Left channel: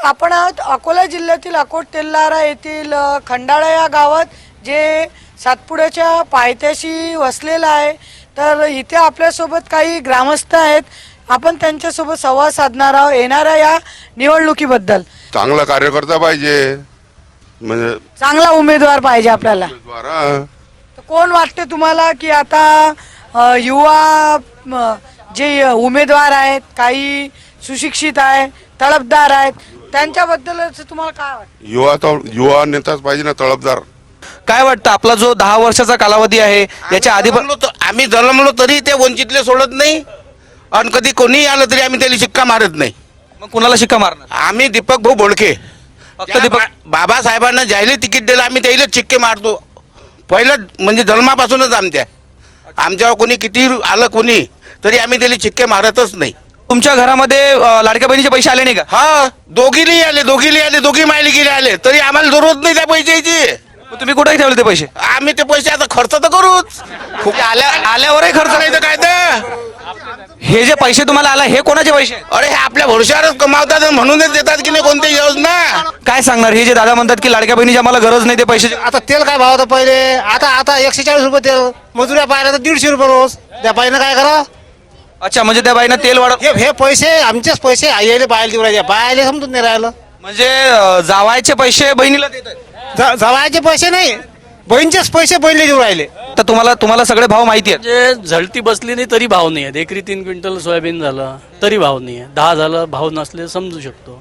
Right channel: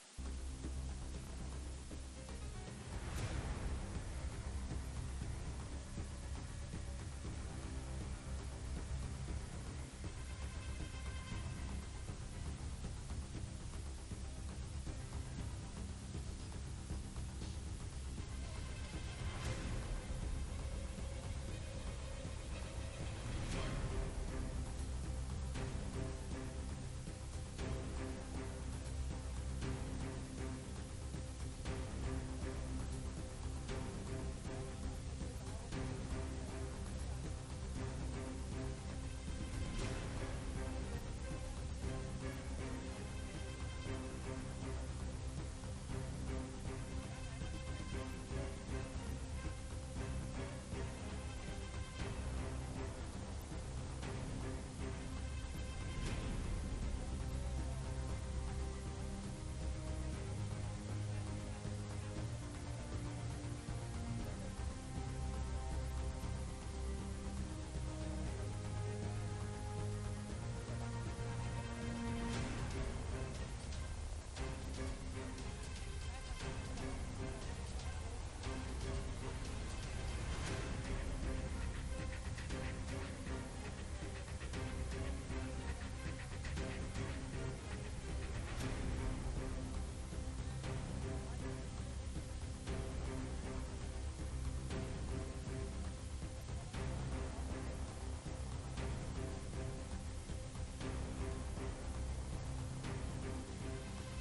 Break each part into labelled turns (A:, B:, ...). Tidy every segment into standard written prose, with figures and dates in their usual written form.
A: आपण आहोत अकोला जिल्ह्यातील अकोट तेल्हारा येथील खंडाळा या गावात, जे सातपुड्याच्या पायथ्याशी वसलेलं आहे. तर इथे आपल्यासोबत काही ग्रामस्थ आहेत. आपण त्यांच्यासोबत संवाद साधणार आहोत येणाऱ्या या निवडणुकीबद्दल.
B: चांगला कार्यकर्ता पाहिजे, म्हणजे
A: चांगला उमेदवार पाहिजे आपल्याला.
B: द्वारा
A: तर कोण वाटते तुम्हाला की आता युवा जे उमेदवार आहेत, काही सुशिक्षित आहे, तळपदार आहेत, त्यांच्याबद्दल तुम्हाला काय वाटतं?
B: युवा नेताच पाहिजे ना, तळपदार.
C: काय वाटतं आपला जो 10 वर्षाचा कालावधी आहे याच्या आधी
D: आम्ही जन्मलो तरी ते वंचितले सोडत नाही, आणि कधी कोणी आलं तरी आम्ही त्याला शिक्का मारत नाही.
C: मग कुणाला शिक्का मारणार?
D: आम्ही दीपक भाऊ बोडके,
C: फक्त दीपक.
D: बाबासाहेबांना ज्याला तिकीट दिलं आम्ही त्याला शिक्के मारतो. पहिलं म्हणजे जन्मापासूनच आमच्यावर कोणी किती आलं कोणी तरी आम्ही त्याला शिक्के मारतच नाही.
C: तुमच्या घरामध्ये लाडक्या बहिणीचे पैसे आले नाही का?
D: हा, दोघीली आले, दोघी मायली गेले आले, तरी आम्हाला जरूरत नाही त्या पैशाची.
C: मग तुम्ही कुठे ठेवले ते पैसे?
D: आम्ही ते पैसे आता खर्च तर करूच, खूप
C: आल्यावरही खर्च
D: नाही तर काय तर.
C: हे जे पैसे तुम्हाला आला हे कोणाचे पैसे?
D: अरे हे आपल्या भरोश्यावरच कमावतात आणि म्हणूनच देतात की नाही कोणती योजना.
C: काय सांगणार हे जे दादा म्हणतात की लाडक्या बहिणीची आम्हाला गरज नाही ते पैसे?
E: आता तेल काय भाव होता पहिले, आता 140 रुपये तेल, मजुऱ्या पाहिल्या तर 150 रुपये रोज. त्या बाईनं काय करा?
C: अच्छा, म्हणजे त्या बाईनं तेल वाढव.
E: हे पैसे आमचेच पैसे आईले बायला देऊ राहिले, बायले समजून नाही राहिलं.
C: म्हणजे जावायचे पैसे बहिणीला देत आहेत?
E: जवायचे पैसे नाही, बहिणीचेच पैसे बहिणीला देऊ राहिले.
C: तर तुम्हाला सगळे भाव माहिती आहेत?
F: म्हणजे झळती बसली नाही तरी भाव नाही आहे. एकरी 3 क्विंटल सोयाबीन झालं तरी भाव नाही आहे. 10 झालं, भाव नसले समजू शकतो.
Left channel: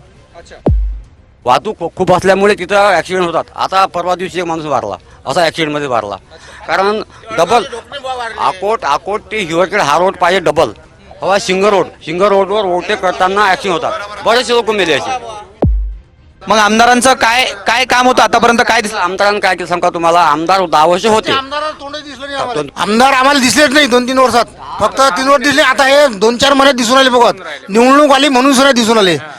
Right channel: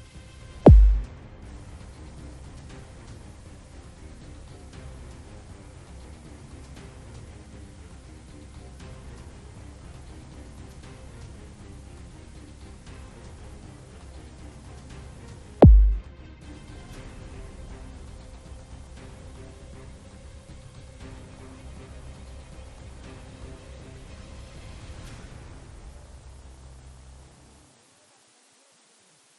G: वाहतूक खूप असल्यामुळे तिथं ॲक्सिडेंट होतात. आता परवा दिवशी एक माणूस वारला, असा ॲक्सिडेंटमध्ये वारला. कारण डबल अकोट ते हिवरखेड हा रोड पाहिजे डबल. हवा सिंगर रोडवर ओव्हरटेक करताना ॲक्सिडेंट होतात. बरेचसे लोक मेले असे.
C: मग आमदारांचं काय काम होतं आतापर्यंत? काय दिसलं?
G: आमदारांनी काय केलं सांगा तुम्हाला? आमदार 10 वर्ष होते.
E: आमदार आम्हाला दिसलेच नाही 2-3 वर्षात, फक्त 3 वर्ष दिसले. आता हे 2-4 महिन्यात दिसून आले बघत. निवडणूक आली म्हणून सुद्धा दिसून आले.